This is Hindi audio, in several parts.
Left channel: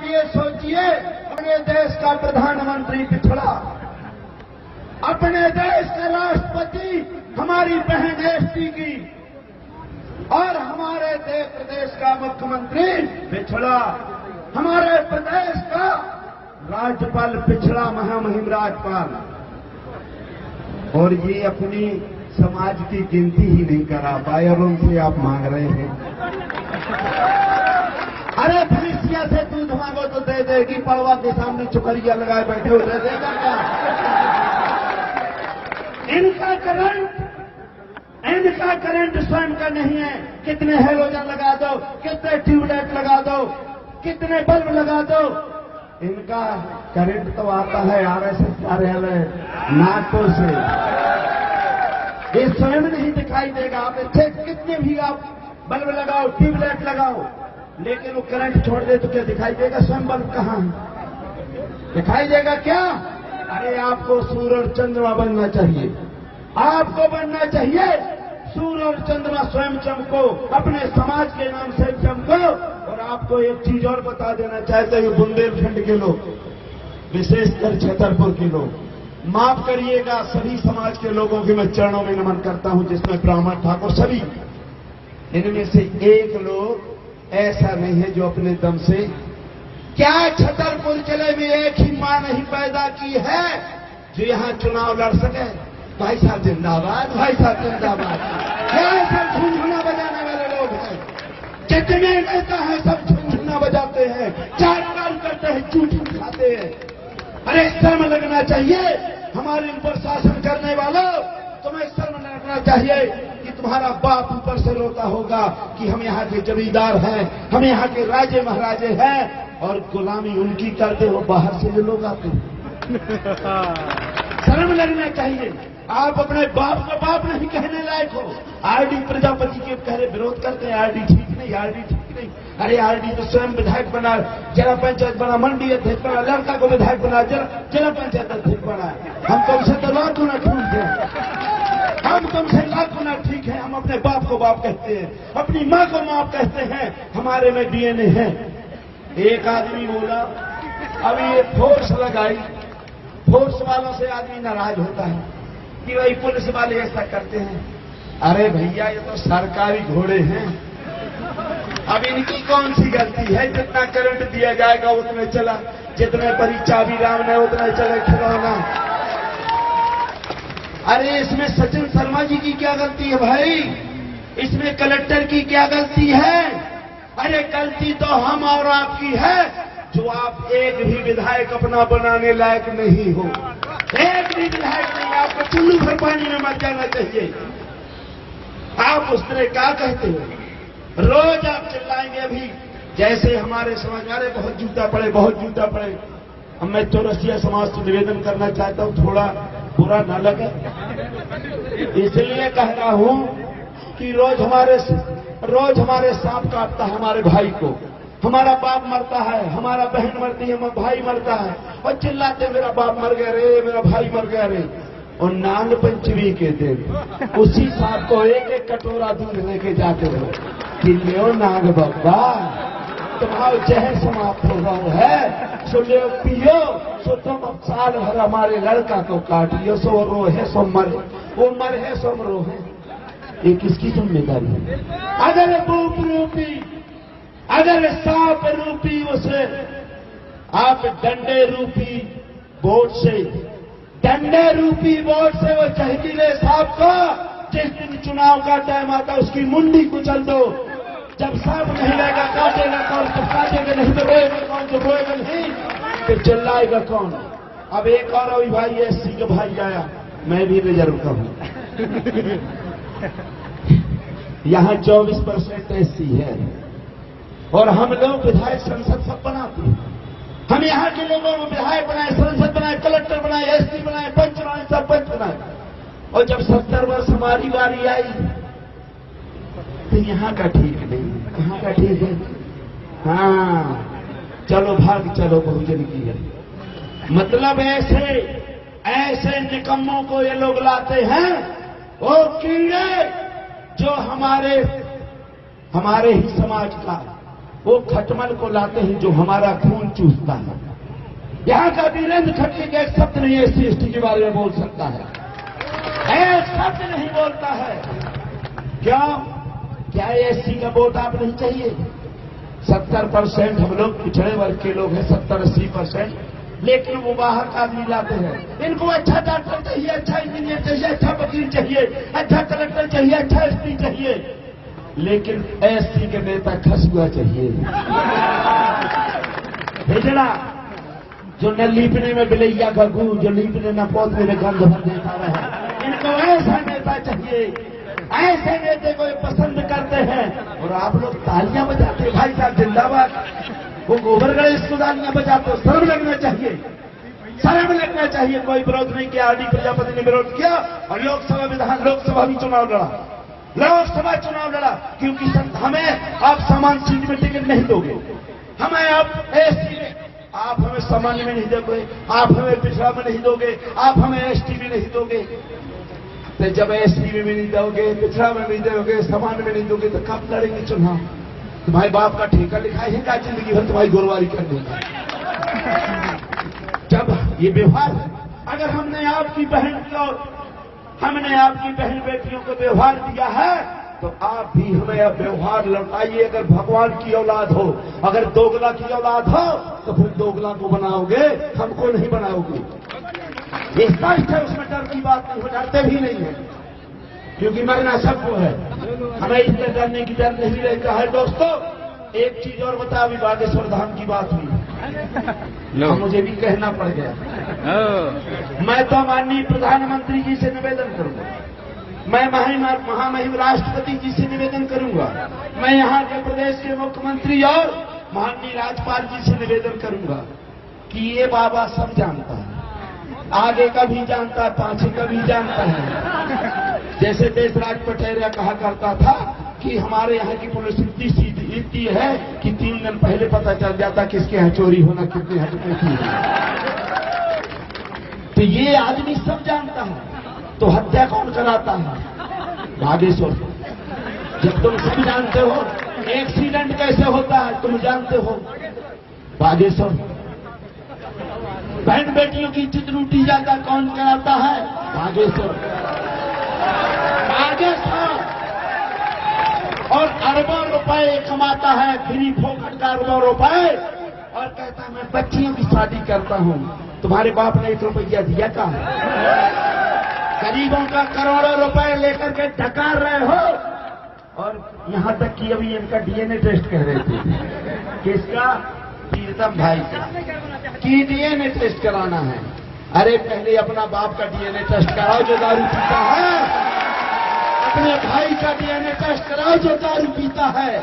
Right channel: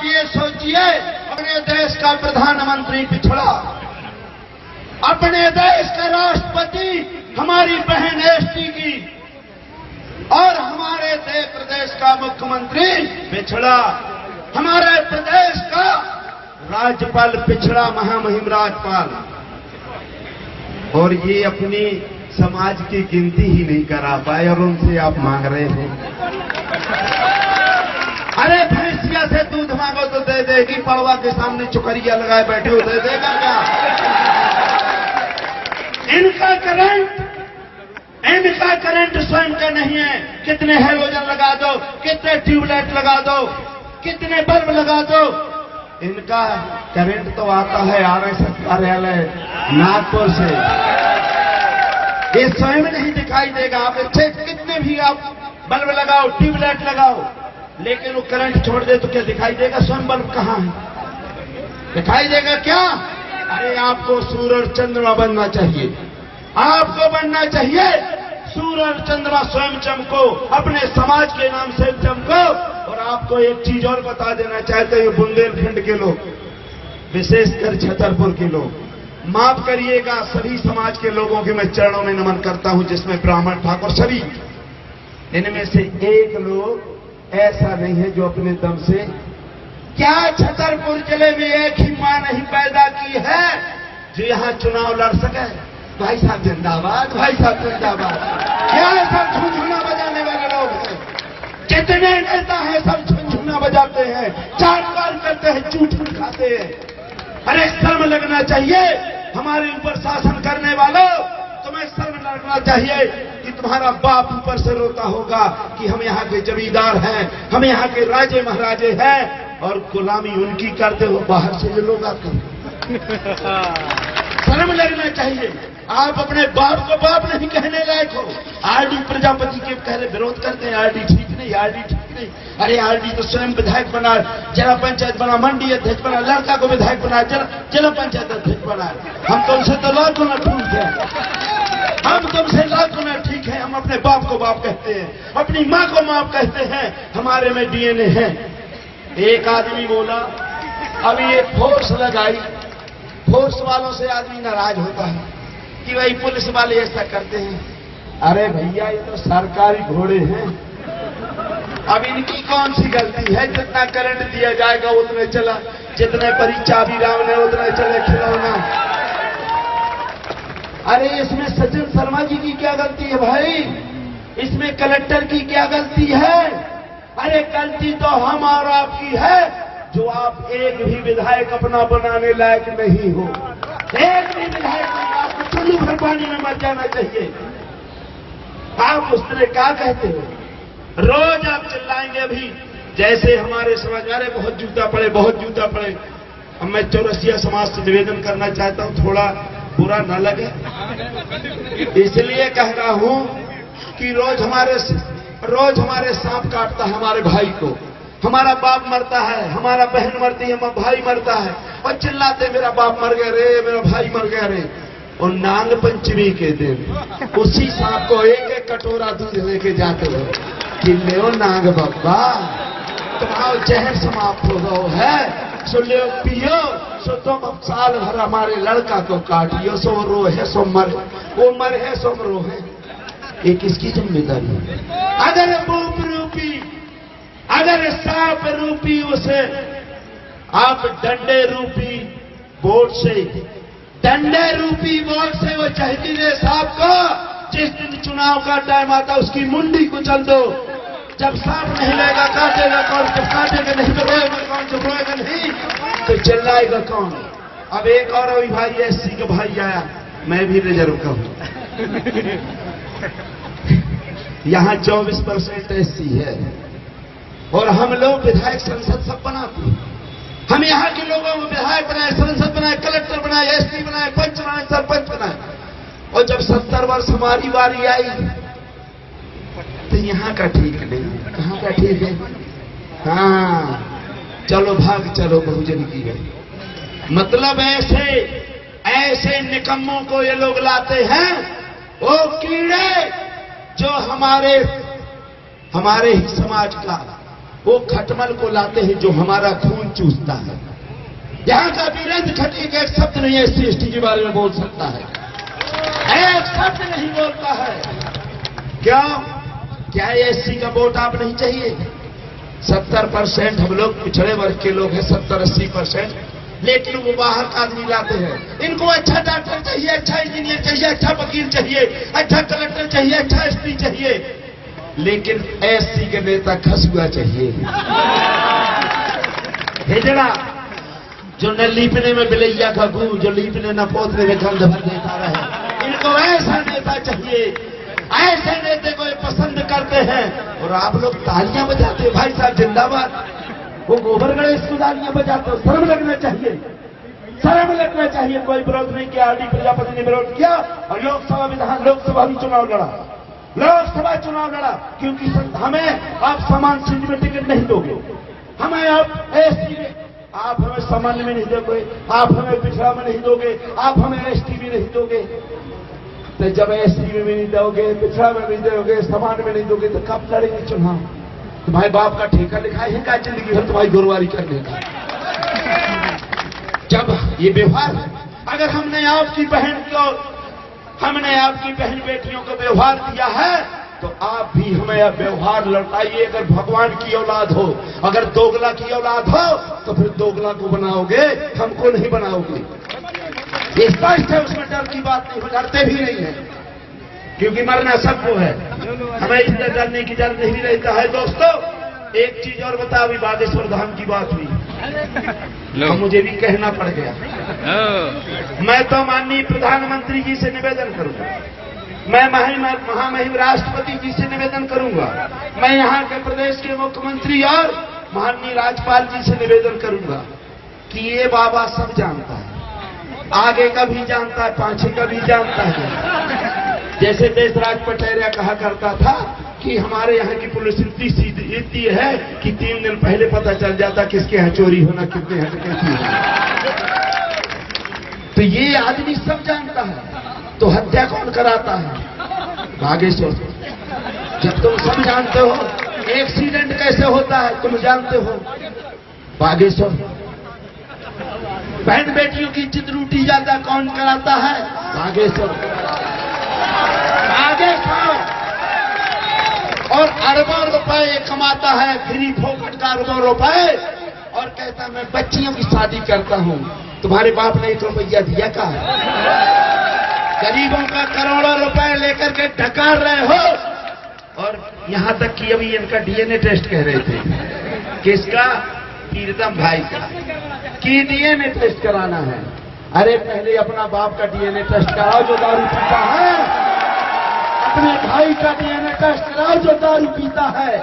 आप ये सोचिए, अपने देश का प्रधानमंत्री पिछड़ा, अपने देश का राष्ट्रपति हमारी बहन एसटी की, और हमारे प्रदेश का मुख्यमंत्री पिछड़ा, हमारे प्रदेश का राज्यपाल पिछड़ा, महामहिम राज्यपाल, और ये अपनी समाज की गिनती ही नहीं करा पाए और उनसे आप मांग रहे हैं। अरे भैंसिया से दूध मांगो तो दे देगी, पड़वा के सामने चुकरिया लगाए बैठे हो दे देगा क्या? इनका करंट स्वयं का नहीं है। कितने हेलोजन लगा दो, कितने ट्यूबलाइट लगा दो, कितने बल्ब लगा दो, इनका करंट तो आता है आरएसएस कार्यालय नागपुर से। ये स्वयं नहीं दिखाई देगा। आप अच्छे कितने भी आप बल्ब लगाओ, ट्यूबलाइट लगाओ, लेकिन वो करंट छोड़ दे तो क्या दिखाई देगा? स्वयं बल्ब कहां है? दिखाई देगा क्या? अरे आपको सूरज चंद्रमा बनना चाहिए, आपको बनना चाहिए सूरज चंद्रमा, स्वयं चमको, अपने समाज के नाम से चमको। और आपको एक चीज और बता देना चाहते हैं, बुंदेलखंड के लोग, विशेषकर छतरपुर के लोग, माफ करिएगा, सभी समाज के लोगों के मैं चरणों में नमन करता हूं, जिसमें ब्राह्मण ठाकुर सभी, इनमें से एक लोग ऐसा नहीं है जो अपने दम से, क्या छतरपुर जिले में एक ही मां नहीं पैदा की है जो यहां चुनाव लड़ सके? भाई साहब जिंदाबाद, भाई साहब जिंदाबाद। क्या सब झुनझुना बजाने वाले लोग हैं? जितने नेता हैं सब झुनझुना बजाते हैं, चार बार करते हैं, झूठी खाते हैं। अरे शर्म लगना चाहिए हमारे ऊपर शासन करने वालों, तुम्हें शर्म लगना चाहिए कि तुम्हारा बाप ऊपर से रोता होगा कि हम यहाँ के जमींदार हैं, हम यहाँ के राजे महाराजे हैं, और गुलामी उनकी करते हो, बाहर से ये लोग आते हैं। शर्म लगना चाहिए। आप अपने बाप को बाप नहीं कहने लायक हो। आरडी प्रजापति के कह रहे विरोध करते हैं, आरडी ठीक नहीं, आरडी ठीक नहीं। अरे आरडी तो स्वयं विधायक बना, जिला पंचायत बना, मंडी अध्यक्ष बना, लड़का को विधायक बना, जिला पंचायत अध्यक्ष बना। हम तुमसे तो लाख गुना ठीक है, हम तुमसे लाख गुना ठीक है। हम अपने बाप को बाप कहते हैं, अपनी माँ को माँ कहते हैं, हमारे में डीएनए है। एक आदमी बोला, अभी ये फोर्स लगाई, फोर्स वालों से आदमी नाराज होता है कि भाई पुलिस वाले ऐसा करते हैं। अरे भैया ये तो सरकारी घोड़े हैं, अब इनकी कौन सी गलती है? जितना करंट दिया जाएगा उतने चला, जितने परीक्षा भी राम ने उतने चले खिलौना। अरे इसमें सचिन शर्मा जी की क्या गलती है भाई? इसमें कलेक्टर की क्या गलती है? अरे गलती तो हम और आपकी है जो आप एक भी विधायक अपना बनाने लायक नहीं हो। एक भी विधायक नहीं, आपको चुल्लू भर पानी में मर जाना चाहिए। आप उस तरह क्या कहते हो? रोज आप चिल्लाएंगे अभी, जैसे हमारे समाज, अरे बहुत जूता पड़े, बहुत जूता पड़े। अब मैं चौरसिया समाज से निवेदन करना चाहता हूं, थोड़ा बुरा न लगे, इसलिए कह रहा हूं कि रोज हमारे सांप काटता है हमारे भाई को, हमारा बाप मरता है, हमारा बहन मरती है, हमारा भाई मरता है, और चिल्लाते मेरा बाप मर गया रे, मेरा भाई मर गया रे। और नाग पंचमी के दिन उसी सांप को एक एक कटोरा दूध लेके जाते हो कि ले नाग बाबा, तुम्हारा जहर समाप्त हो गया है, सो ले पियो, सो तुम अब साल भर हमारे लड़का को काटियो, सो रो है सो मर, वो मर है सो रो है। ये किसकी जिम्मेदारी? अगर भूप रूपी, अगर सांप रूपी उसे आप डंडे रूपी वोट से वो जहरीले सांप को जिस दिन चुनाव का टाइम आता उसकी मुंडी कुचल दो। जब सांप नहीं रहेगा काटेगा कौन? जब काटेगा नहीं तो रोएगा कौन? जब रोएगा नहीं तो चिल्लाएगा कौन? अब एक और अभी भाई एससी का भाई आया, मैं भी रिजर्व का हूं। यहां 24% एससी है और हम लोग विधायक संसद सब बनाते हैं। हम यहाँ के लोगों को विधायक बनाए, संसद बनाए, कलेक्टर बनाए, एसपी बनाए, पंच बनाए, सरपंच बनाए। और जब 70 वर्ष हमारी बारी आई तो यहाँ का ठीक नहीं, कहाँ का ठीक है? हाँ चलो भाग चलो बहुजन की है। मतलब ऐसे निकम्मों को ये लोग लाते हैं, वो कीड़े जो हमारे ही समाज का, वो खटमल को लाते हैं जो हमारा खून चूसता है। यहाँ का वीरेंद्र खटी का एक शब्द नहीं एससी एसटी के बारे में बोल सकता है, एक शब्द नहीं बोलता है। क्यों? क्या एससी का वोट आप नहीं चाहिए? 70% हम लोग पिछड़े वर्ग के लोग हैं, 70-80%, लेकिन वो बाहर का आदमी लाते हैं। इनको अच्छा डॉक्टर चाहिए, अच्छा इंजीनियर चाहिए, अच्छा वकील चाहिए, अच्छा कलेक्टर चाहिए, अच्छा एसपी चाहिए, लेकिन एससी के नेता खसुआ चाहिए, हिजड़ा, जो न लीपने में बिलैया का गू, जो लीपने न पोतने में गंध भर देता रहे। इनको ऐसा नेता चाहिए, ऐसे नेता को ये पसंद करते हैं। और आप लोग तालियां बजाते हैं, भाई साहब जिंदाबाद। वो गोबर गणेश को तालियां बजाते हो, शर्म लगना चाहिए, शर्म लगना चाहिए। कोई विरोध नहीं किया, आदि प्रजापति ने विरोध किया और लोकसभा भी चुनाव लड़ा, लोकसभा चुनाव लड़ा, क्योंकि हमें आप सामान्य सीट में टिकट नहीं दोगे, हमें आप एससी में, आप हमें सामान्य में नहीं दोगे, आप हमें पिछड़ा में नहीं दोगे, आप हमें एसटी में नहीं दोगे। तो जब एसटी में भी नहीं दोगे, पिछड़ा में नहीं दोगे, सामान्य में नहीं दोगे, तो कब लड़ेंगे चुनाव? तुम्हारे बाप का ठेका लिखाई है क्या जिंदगी भर तुम्हारी गुरुवारी करने का? जब ये व्यवहार, अगर हमने आपकी बहन बेटियों को व्यवहार दिया है, तो आप भी हमें अब व्यवहार लौटाइए। अगर भगवान की औलाद हो, अगर दोगला की औलाद हो, तो फिर दोगला को बनाओगे, हमको नहीं बनाओगे। ये स्पष्ट है, उसमें डर की बात नहीं, डरते भी नहीं है, क्योंकि मरना सबको है, हमें इतना डरने की डर नहीं रहता है। दोस्तों, एक चीज और बता, अभी बागेश्वर धाम की बात हुई, तो मुझे भी कहना पड़ गया। मैं तो माननीय प्रधानमंत्री जी से निवेदन करूंगा, मैं महामहिम राष्ट्रपति जी से निवेदन करूंगा, मैं यहाँ के प्रदेश के मुख्यमंत्री और माननीय राज्यपाल जी से निवेदन करूंगा कि ये बाबा सब जानता है, आगे का भी जानता है, पाछे का भी जानता है। जैसे देशराज पटेरिया कहा करता था कि हमारे यहाँ की पुलिस इतनी है कि 3 दिन पहले पता चल जाता किसके यहाँ चोरी होना, कितने हटके थी। तो ये आदमी सब जानता है, तो हत्या कौन कराता है? बागेश्वर। जब तुम सब जानते हो एक्सीडेंट कैसे होता है, तुम जानते हो, बागेश्वर। बहन बेटियों की इज्जत लूटी जाता कौन कराता है? बागेश्वर। बागेश्वर। और अरबों रुपए कमाता है, फ्री फोकट का अरबों रुपए, और कहता मैं बच्चियों की शादी करता हूं। तुम्हारे बाप ने 1 रुपया दिया का? गरीबों का करोड़ों रुपए लेकर के डकार रहे हो। और यहां तक कि अभी इनका डीएनए टेस्ट कह रहे थे, किसका? प्रीतम भाई का, कि डीएनए टेस्ट कराना है। अरे पहले अपना बाप का डीएनए टेस्ट कराओ जो दारू पीता है, अपने भाई का डीएनए टेस्ट कराओ जो दारू पीता है,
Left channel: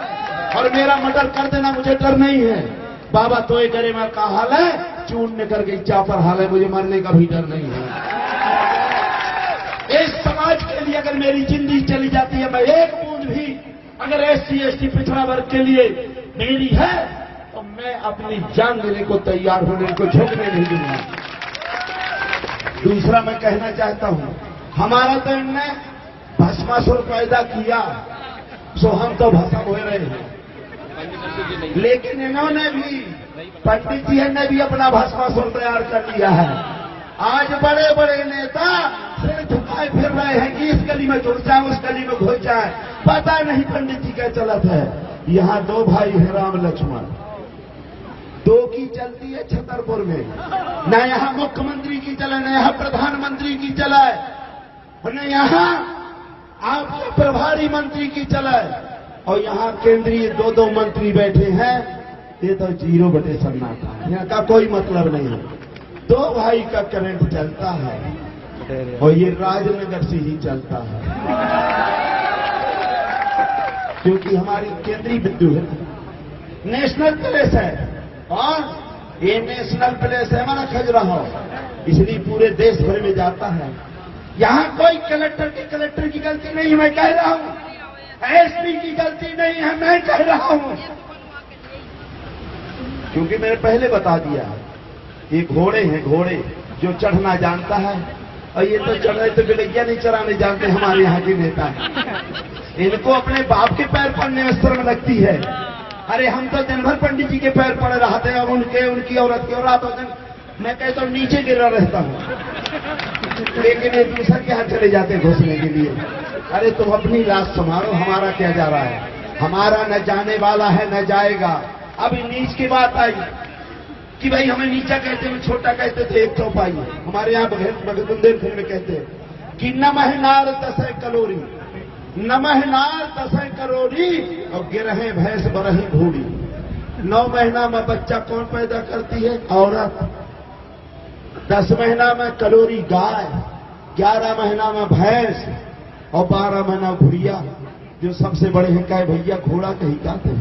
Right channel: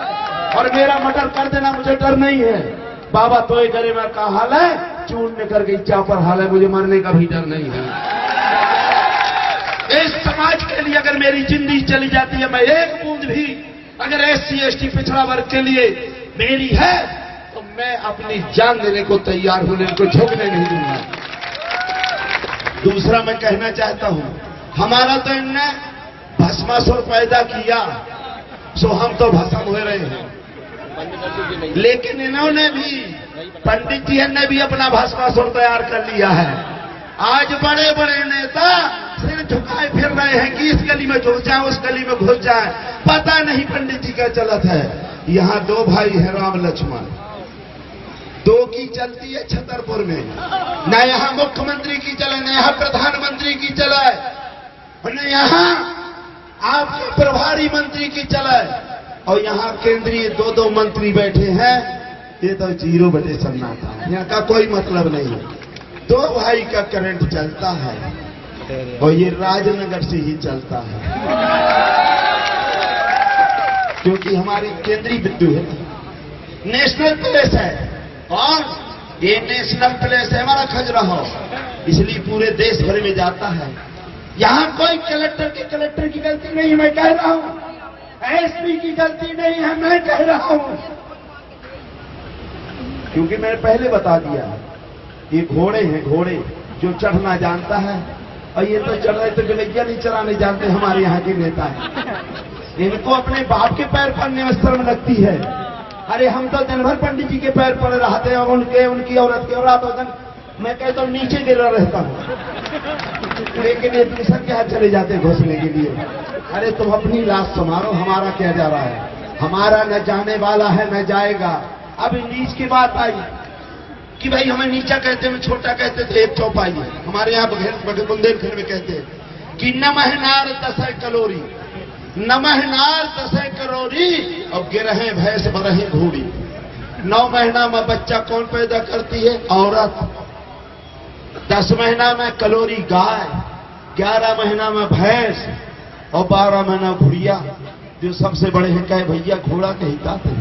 और मेरा मर्डर कर देना, मुझे डर नहीं है। बाबा तो ये करे मैं का हाल है, चून कर गई चापर हाल है, मुझे मरने का भी डर नहीं है। इस समाज के लिए अगर मेरी जिंदगी चली जाती है, मैं एक बूंद भी अगर एससी एसटी पिछड़ा वर्ग के लिए मेरी है, तो मैं अपनी जान देने को तैयार हूं, इनको झुकने नहीं दूंगा। दूसरा मैं कहना चाहता हूं, हमारा तो इनने भस्मासुर पैदा किया, सो हम तो भस्म हो रहे हैं, लेकिन इन्होंने भी, पंडित जी ने भी अपना भस्मासुर तैयार कर लिया है। आज बड़े बड़े नेता सिर झुकाए फिर रहे हैं कि इस गली में घुस जाए, उस गली में घुस जाए, पता नहीं पंडित जी का चलत है। यहाँ 2 भाई हैं, राम लक्ष्मण, 2 की चलती है छतरपुर में, न यहाँ मुख्यमंत्री की चले, न यहाँ प्रधानमंत्री की चले, न यहाँ आपके प्रभारी मंत्री की चले, और यहाँ केंद्रीय 2-2 मंत्री बैठे हैं। ये तो 0 बटे सन्नाटा, यहाँ का कोई मतलब नहीं। 2 भाई का करंट चलता है, और ये राजनगर से ही चलता है, क्योंकि हमारी केंद्रीय विद्युत है, नेशनल प्लेस है, और ये नेशनल प्लेस है हमारा खजुराहो, इसलिए पूरे देश भर में जाता है। यहाँ कोई कलेक्टर की गलती नहीं है, मैं कह रहा हूं, एसपी की गलती नहीं है, मैं कह रहा हूं, क्योंकि मैंने पहले बता दिया, ये घोड़े हैं, घोड़े जो चढ़ना जानता है, और ये तो चढ़ रहे तो गलैया नहीं चराने जानते हमारे यहाँ के नेता। इनको अपने बाप के पैर पड़ने में शर्म लगती है, अरे हम तो दिन भर पंडित जी के पैर पड़े रहते हैं और उनकी औरत की, और रात होकर मैं कहता हूँ नीचे गिरा रहता हूँ, लेकिन ये दूसरा के हाथ चले जाते हैं घोसले के लिए। अरे तुम अपनी लाश संभालो, हमारा क्या जा रहा है? हमारा न जाने वाला है न जाएगा। अब नीच की बात आई कि भाई हमें नीचा कहते हैं, छोटा कहते थे, एक चौपाई है हमारे यहाँ बुंदेलखंड में कहते हैं कि नमह नार तसय कलोरी, नमह नार तसय करोरी, और गिरहे भैंस बरहे घोड़ी। 9 महीना में बच्चा कौन पैदा करती है? औरत। 10 महीना में कलोरी गाय, 11 महीना में भैंस, और 12 महीना घुड़िया। जो सबसे बड़े हैं कहे भैया घोड़ा कहता थे,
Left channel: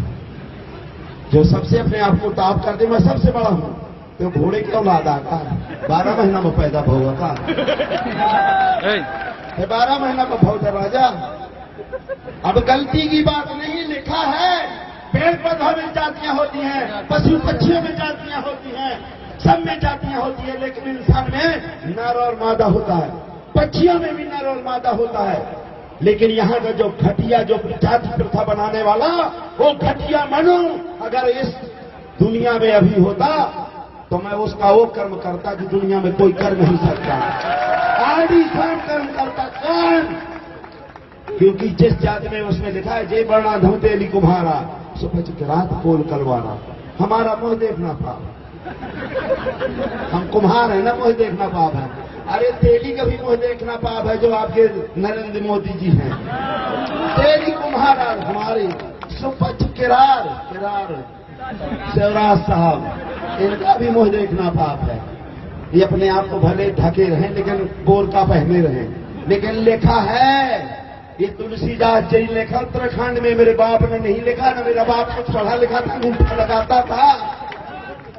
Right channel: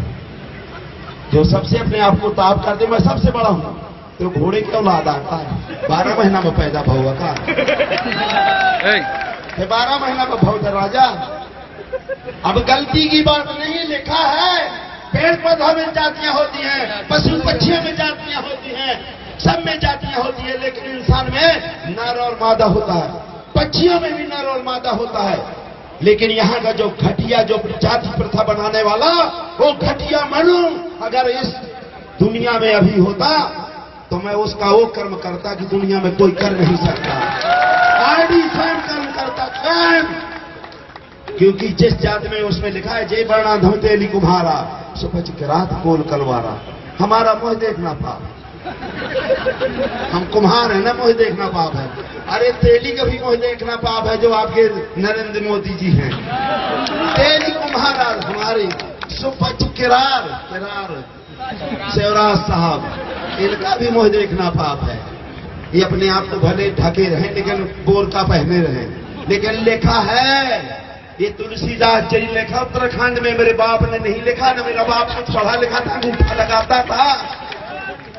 जो सबसे अपने आप को ताप करते मैं सबसे बड़ा हूं, तो घोड़े की औलाद आता है 12 महीना में पैदा हुआ का 12 महीना में बहुत राजा। अब गलती की बात नहीं, लिखा है पेड़ पौधों में जातियां होती हैं, पशु पक्षियों में जातियां होती हैं, सब में जातियां होती है, लेकिन इंसान में नर और मादा होता है, पक्षियों में भी नर और मादा होता है। लेकिन यहाँ का जो घटिया, जो जाति प्रथा बनाने वाला, वो घटिया मनु अगर इस दुनिया में अभी होता तो मैं उसका वो कर्म करता कि दुनिया में कोई कर नहीं सकता। आदि स्वयं कर्म करता स्वयं, क्योंकि जिस जाति में उसमें लिखा है जय वर्णा धम तेली कुम्हारा सुपच के रात कोल कलवारा। हमारा मुंह देखना पाप, हम कुम्हार है ना, मुंह देखना पाप है। अरे तेली का भी मुंह देखना पाप है, जो आपके नरेंद्र मोदी जी हैं। तेली कुम्हारा हमारी सुपच किरार शिवराज साहब, इनका भी मुंह देखना पाप है। ये अपने आप को भले ढके रहें लेकिन बोरका पहने रहें। लेकिन लिखा है, ये तुलसीदास जी लिखा उत्तराखंड में, मेरे बाप ने नहीं लिखा, ना मेरा बाप कुछ पढ़ा लिखा था, अंगूठा लगाता था,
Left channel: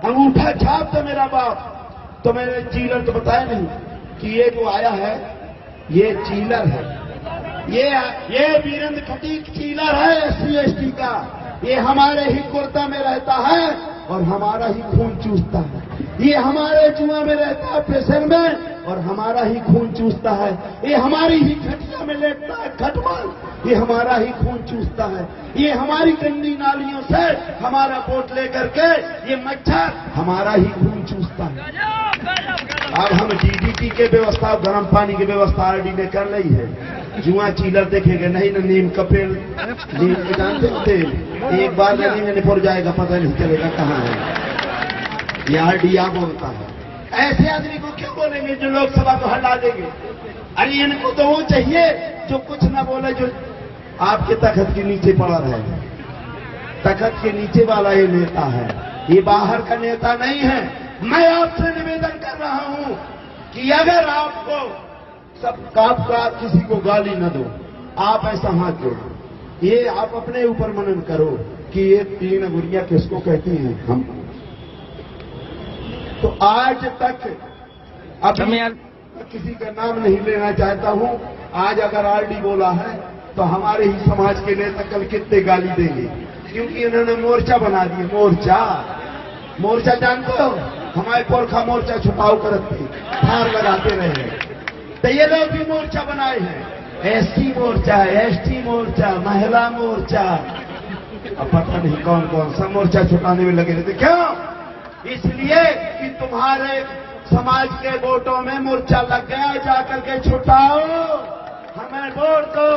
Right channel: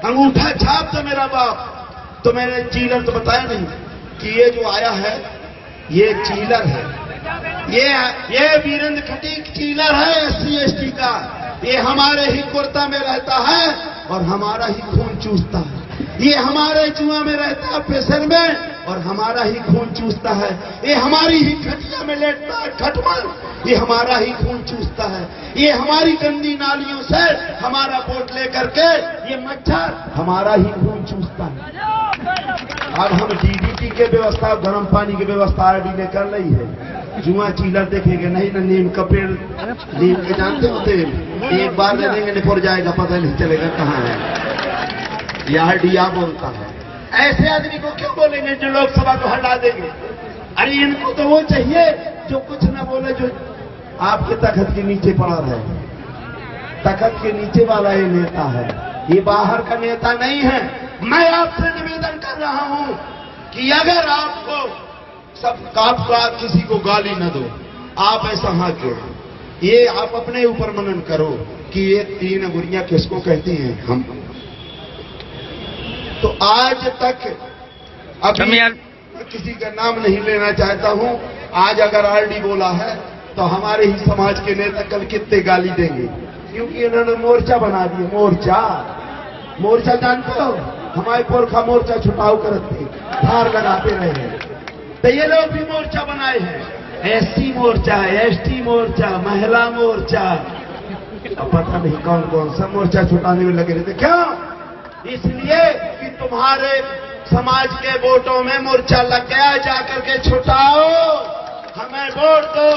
अंगूठा छाप तो मेरा बाप। तो मैंने चीलर तो बताया नहीं कि ये जो आया है ये चीलर है, ये वीरेंद्र खटीक चीलर है SC ST का। ये हमारे ही कुर्ता में रहता है और हमारा ही खून चूसता है। ये हमारे जुआ में रहता है प्रेशर में और हमारा ही खून चूसता है। ये हमारी ही खटिया में लेटता है खटमल, ये हमारा ही खून चूसता है। ये हमारी गंदी नालियों से हमारा वोट लेकर के ये मच्छर हमारा ही खून चूसता है। अब हम DDT के व्यवस्था, गर्म पानी की व्यवस्था RD ने कर ली है। जुआ चीलर देखेंगे नहीं ना, नीम का पेड़, नीम के जानते हो तेल, एक बार लगेंगे निपुर जाएगा, पता नहीं चलेगा कहाँ है। यह RD बोलता है। ऐसे आदमी को क्यों बोलेंगे जो लोकसभा को हटा देंगे? अरे इनको तो वो चाहिए जो कुछ ना बोले, जो आपके तखत के नीचे पड़ा रहे। तखत के नीचे वाला ये नेता है, ये बाहर का नेता नहीं है। मैं आपसे निवेदन कर रहा हूं कि अगर आपको आपका किसी को गाली न दो, आप ऐसा हाँ क्यों, ये आप अपने ऊपर मनन करो कि ये 3 गुड़ियां किसको कहती हैं हम। तो आज तक अभी किसी का नाम नहीं लेना चाहता हूं, आज अगर RD बोला है तो हमारे ही समाज के नेता कल कितने गाली देंगे, क्योंकि उन्होंने मोर्चा बना दिया। मोर्चा जानते हो, हमारे पुरखा मोर्चा छुटाव करते फार लगाते रहे, तो ये लोग भी मोर्चा बनाए हैं। SC मोर्चा, ST मोर्चा, महिला मोर्चा, अब पता नहीं कौन कौन सा मोर्चा छुटाने में लगे रहते। क्यों? इसलिए कि तुम्हारे समाज के वोटों में मोर्चा लग गया, जाकर के छुटाओ, हमें वोट दो।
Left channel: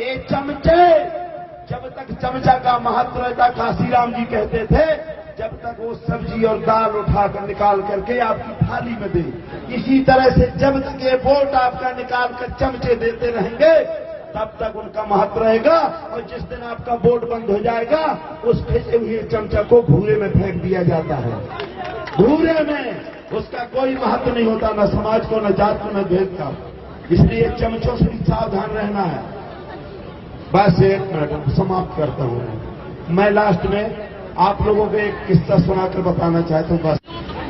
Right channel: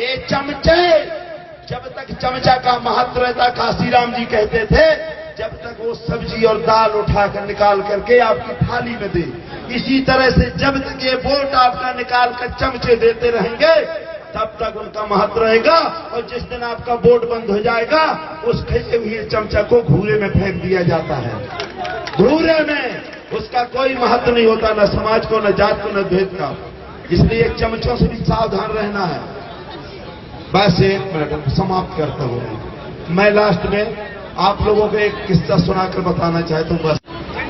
ये चमचे, जब तक चमचा का महत्व रहता, काशीराम जी कहते थे, जब तक वो सब्जी और दाल उठाकर निकाल करके आपकी थाली में दे, इसी तरह से जब तक ये वोट आपका निकाल कर चमचे देते रहेंगे तब तक उनका महत्व रहेगा। और जिस दिन आपका वोट बंद हो जाएगा, उस फेंके हुए चमचा को घूरे में फेंक दिया जाता है। घूरे में उसका कोई महत्व नहीं होता, न समाज को, न जात को, न भेद का। इसलिए चमचों से भी सावधान रहना है। बस 1 मिनट समाप्त करता हूं। मैं लास्ट में आप लोगों को एक किस्सा सुनाकर बताना चाहता हूं। बस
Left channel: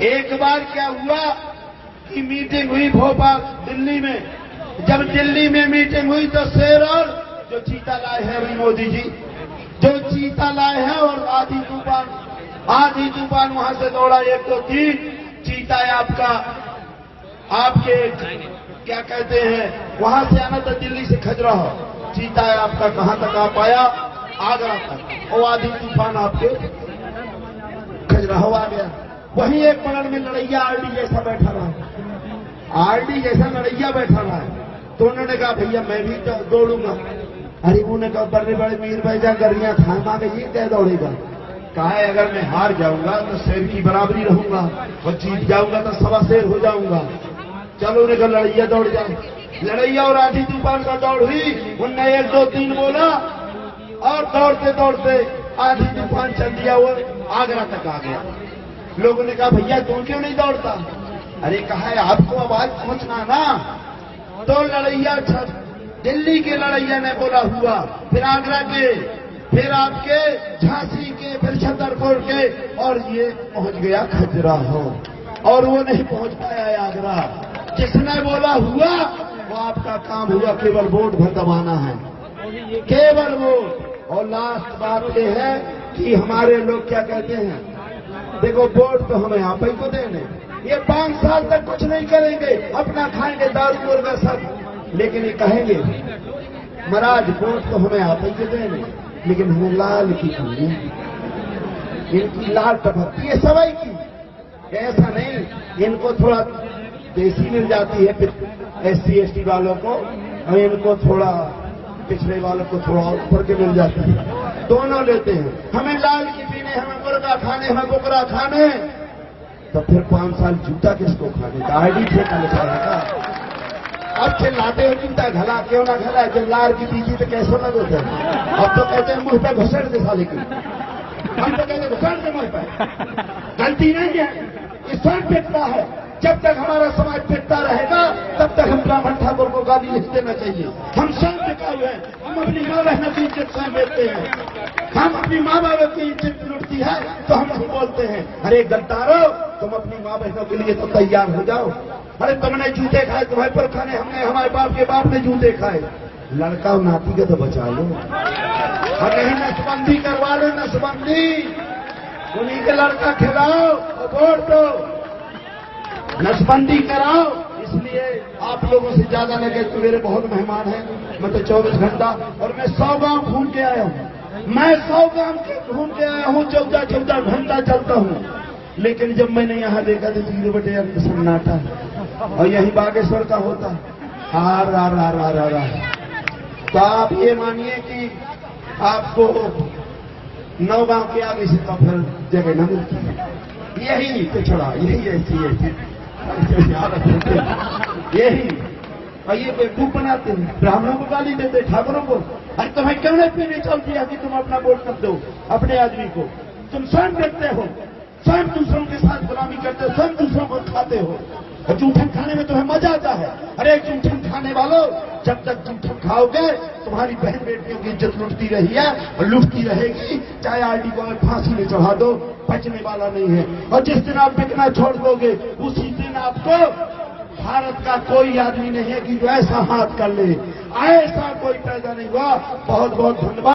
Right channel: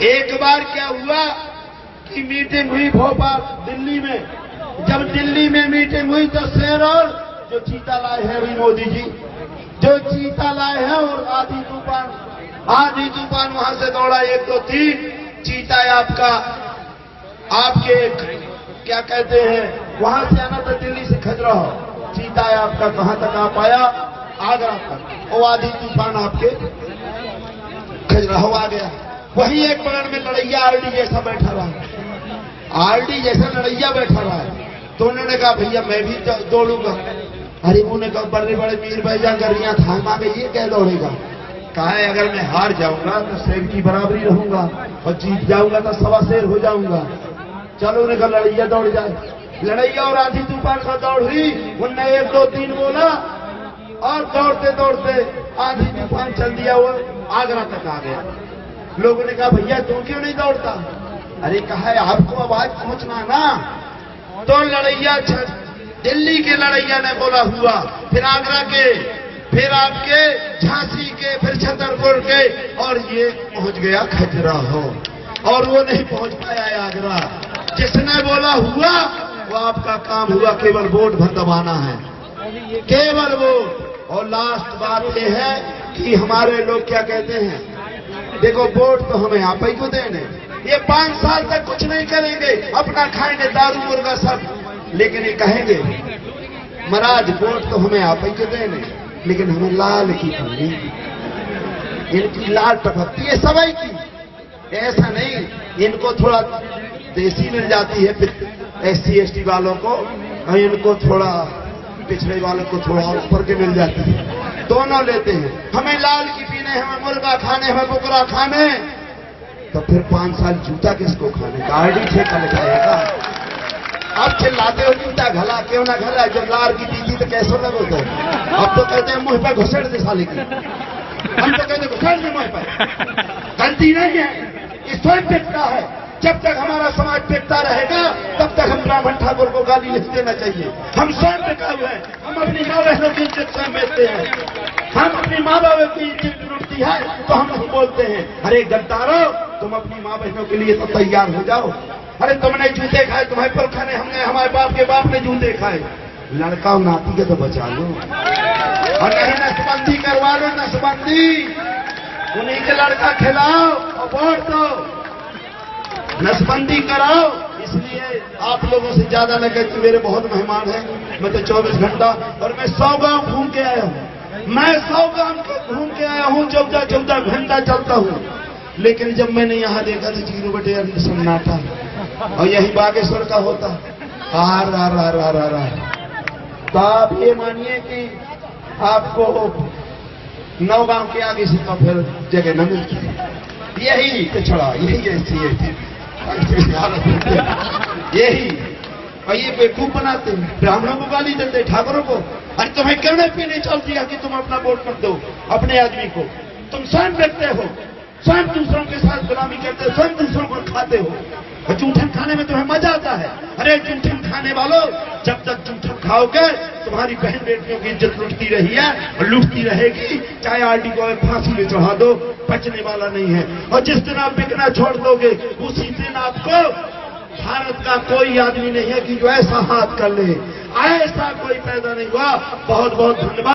एक बार क्या हुआ कि मीटिंग हुई भोपाल दिल्ली में। जब दिल्ली में मीटिंग हुई तो शेर और जो चीता लाए हैं अभी मोदी जी, जो चीता लाए हैं, और आधी तूफान वहां से दौड़ा 1 2 3 चीता आपका, आपके क्या कहते हैं, वहां से आना तो दिल्ली से खजुराहो, चीता आपका कहां तक आ पाया? आगरा तक, और आधी तूफान आपके खजुराहो आ गया। वहीं एक बगल में लड़ैया आरडी जैसा बैठा रहा, आरडी जैसा लड़ैया बैठा रहा है। तो उन्होंने कहा भैया मैं भी दौड़ूंगा। अरे उन्होंने कहा बड़े बड़े मीर भाईजा गरियां थामा में ये क्या दौड़ेगा? कहा है अगर मैं हार जाऊंगा तो शेर की बराबरी रहूंगा, और जीत जाऊंगा तो सवा शेर हो जाऊंगा। चलो उन्हें कहा लड़ैया दौड़ जाए। लड़ैया और आधी तूफान का दौड़ हुई। उनने 1 2 3 बोला और दौड़ते दौड़ते आधी तूफान चल दिया, वो आगरा तक आ गया। लोगों ने कहा भैया तुम क्यों नहीं दौड़ता? अरे कहा है आपको आवाज पहुंचना ना। तो लड़ैया दिल्ली के लड़ैया ने बोला हुआ, फिर आगरा के, फिर आपके झांसी के, फिर छतरपुर के, और ये पहुंच गया खजुराहो। और वो नहीं पहुंच पाया है आगरा। जिसने बोला हुआ वो आपका काम हुआ, केवल वोट भर दबाना है, केवल वोट। और लास्ट बात ये है कि हमारे लोग क्या कहते हैं, देखो वोट तो हमें आप ही को देने, ये 5 साल तक कुछ नहीं करेंगे, अपना खाएंगे दारू मुर्गा सब, लेकिन ये कहेंगे महाराज वोट तो हमें आप ही को देने, लेकिन हमें लाल की पूरी, इनकी लाल टपकती है सवाई की। ऐसा नहीं, इनको थोड़ा देसी मिल जाती है SC ST वालों को, और इनको थोड़ा पिछड़े वालों को थोड़ा ऊपर के मिल जाती है, दोनों लेते हैं। हमें लाल की पीने, हमें मुर्गा खाने, हमें बुकरा खाने, तो फिर 5 साल जूता किसको खाने? गाड़ी ठेका लगाएगा। अब चिल्लाते हो जूता घला क्यों ना घला, जब लार की दीदी तो कैसे लगे होता है। अब तो कहते हैं मुंह पर घुसड़ दे साले की, हम तो कहते घुसड़ दे मुंह पर। गलती नहीं है, ये स्वयं पिटता है। जब तक हमारा समाज पिटता रहेगा तब तक हम ब्राह्मण ठाकुर को गाली नहीं देना चाहिए। हम स्वयं पिटा हुए हैं, हम अपनी माँ बहनों की इज्जत स्वयं बेचते हैं, हम अपनी माँ बाप की इज्जत लुटती है तो हम नहीं बोलते हैं। अरे गद्दारो, तुम अपनी माँ बहनों के लिए तो तैयार हो जाओ। अरे तुमने जूते खाए, तुम्हारे पर खाने, हमने हमारे बाप के बाप ने जूते खाए। लड़का और नाती के तो बचा लो, और नहीं नसबंदी करवा लो, नसबंदी उन्हीं के लड़का खिलाओ और वोट दो, नसबंदी कराओ। इसलिए आप लोगों से ज्यादा न कहते, मेरे बहुत मेहमान हैं, मैं तो 24 घंटा, और मैं 100 गांव घूम के आया हूँ, मैं 100 गांव घूम के आया हूँ, 14 घंटा चलता हूँ। लेकिन जब मैंने यहाँ देखा तो 0/8 सन्नाटा, और यही बागेश्वर का होता हार रार रार रार रार रार। तो आप ये मानिए कि आपको 9 गांव के आगे से तो फिर जगह न मिलती। यही पिछड़ा, यही ऐसी यही और ये बेवकूफ बनाते हैं, ब्राह्मणों को गाली देते, ठाकुरों को। अरे तुम्हें क्यों नहीं पीने चल दिया कि तुम अपना वोट मत दो अपने आदमी को? तुम स्वयं करते हो, स्वयं दूसरों के साथ गुलामी करते हो, स्वयं दूसरों को खाते हो, और जूठन खाने में तुम्हें मजा आता है। अरे जूठन खाने वालों, जब तक जूठन खाओगे तुम्हारी बहन बेटियों की इज्जत लुटती रही है और लुटती रहेगी, चाहे आरडी को फांसी में चढ़ा दो, बचने वाला नहीं है। और जिस दिन आप बिकना छोड़ दोगे उसी दिन आपको भारत का कोई आदमी नहीं है कि जो ऐसा हाथ कर ले, ऐसा कोई पैदा नहीं हुआ। बहुत बहुत धन्यवाद।